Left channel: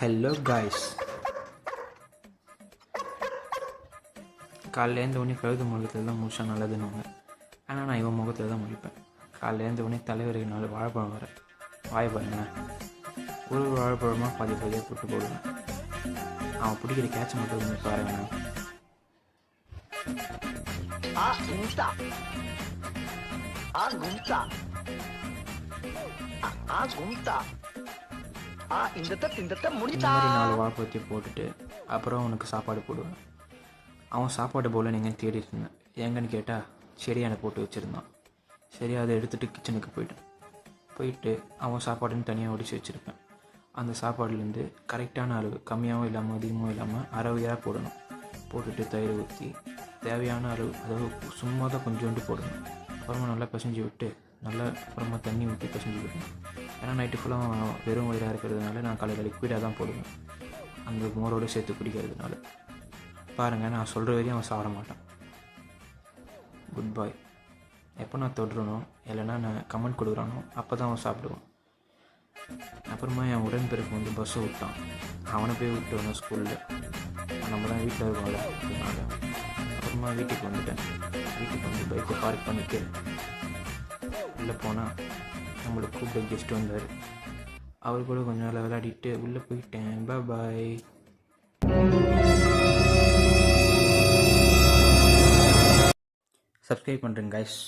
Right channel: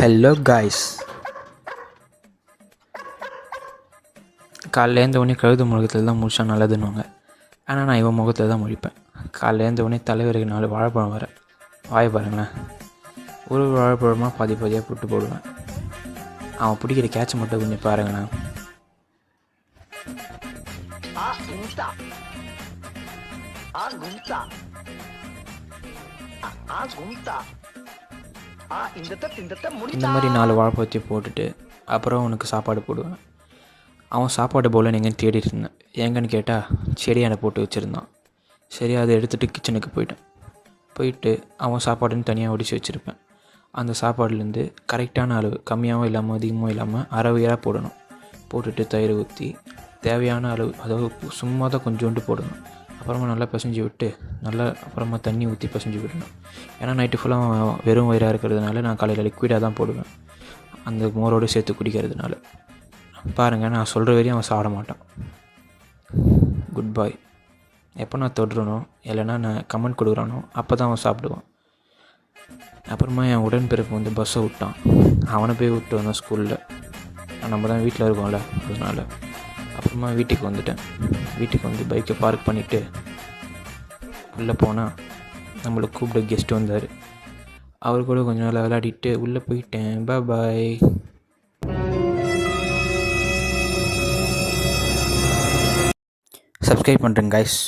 Hello guys, காலைல எழுந்தவொடனே கழுது முகத்தில் தான் முழிச்சா நல்லதுன்னுவாங்க. ஆனால் நான் இவன் முகத்தில் தான் முழிப்பேன். காலைல எழுந்தவொடனே தலைவருக்கு 4 வாழைப்பழம் வர வாய் பாருங்களேன். ஒரு வாழைப்பழமாக பாதி பாதியாக போட்டு போடுவேன். அவன் பிடிக்கிற கேட்சை மட்டும் கொஞ்சம் பாருங்கண்ணா. இந்த மாதிரி 4 வாழைப்பழத்தையும் போட்டுட்டு அப்புறம் அவனுக்கு சாப்பாடு போடுவேன். அவன் சாப்பாடு போல் நீங்கள் தேடிட்டு இருந்தேன். எங்கன்னு கேட்டால் செடியானை போட்டு வச்சுருந்தான். சரி, அதை எடுத்துகிட்டு கிச்சனுக்கு போயிட்டு அவன் சாப்பாடுன்னு தனியாக ஒடிச்சு வச்சுருப்பேன். அந்த சாப்பாடுலேருந்து கரெக்டான அளவு, கம்மியாகவும் இல்லாமல் அதிகமாகவும் இல்லாமல் அறவையாக போடணும். போட்டுட்டு தயிர் ஊற்றி தேவையான அளவு, அதாவது சும்மா தான் கொஞ்சோண்டு போடணும். அப்புறமா நல்லா பிசைஞ்சு விட்டு அப்புறமா தண்ணி ஊற்றி பிசைஞ்சு விடணும். ஏன்னா நைட்டு ஃபுல்லாக வெறும் வயிறாக இருக்கிறதுனால நான் காலையில் லிக்விடாக தான் போடுவேன், அந்த மோரோடு சேர்த்து குடிக்கிறதுனால. பாருங்கள், நான் சொல்கிற வரையும் அவன் சாப்பிட மாட்டான். குட் பாய். எப்போ நான் தொடுறனோ இல்லைன்னா நான் கமெண்ட் கொடுக்குறானோ அப்போ தான் அவன் சாப்பிடுவான். அப்புறமா என் உடன்பிறப்பு வந்து பஸ்ஸை விட்டான். அவனை போய் விட்டு வந்தோம் ஸ்கூலில். நம்ம தான் வீட்டில் இருக்கோம்ல, அதனால். அப்புறமா வீட்டுக்கு வந்துட்டேன். வீட்டுக்கு வந்து பைக்கை பார்க் பண்ணிவிட்டு உள்ளே போனால் நம்மளை கூப்பிட்டு கெஸ்ட்டு வந்தார். அவர் கூட கொஞ்சம் நாள் விளையாடிட்டு உள்ளே போயிட்டேன். பாய். சப்ஸ்கிரைப் பண்ணுறேங்க காய்ஸ்.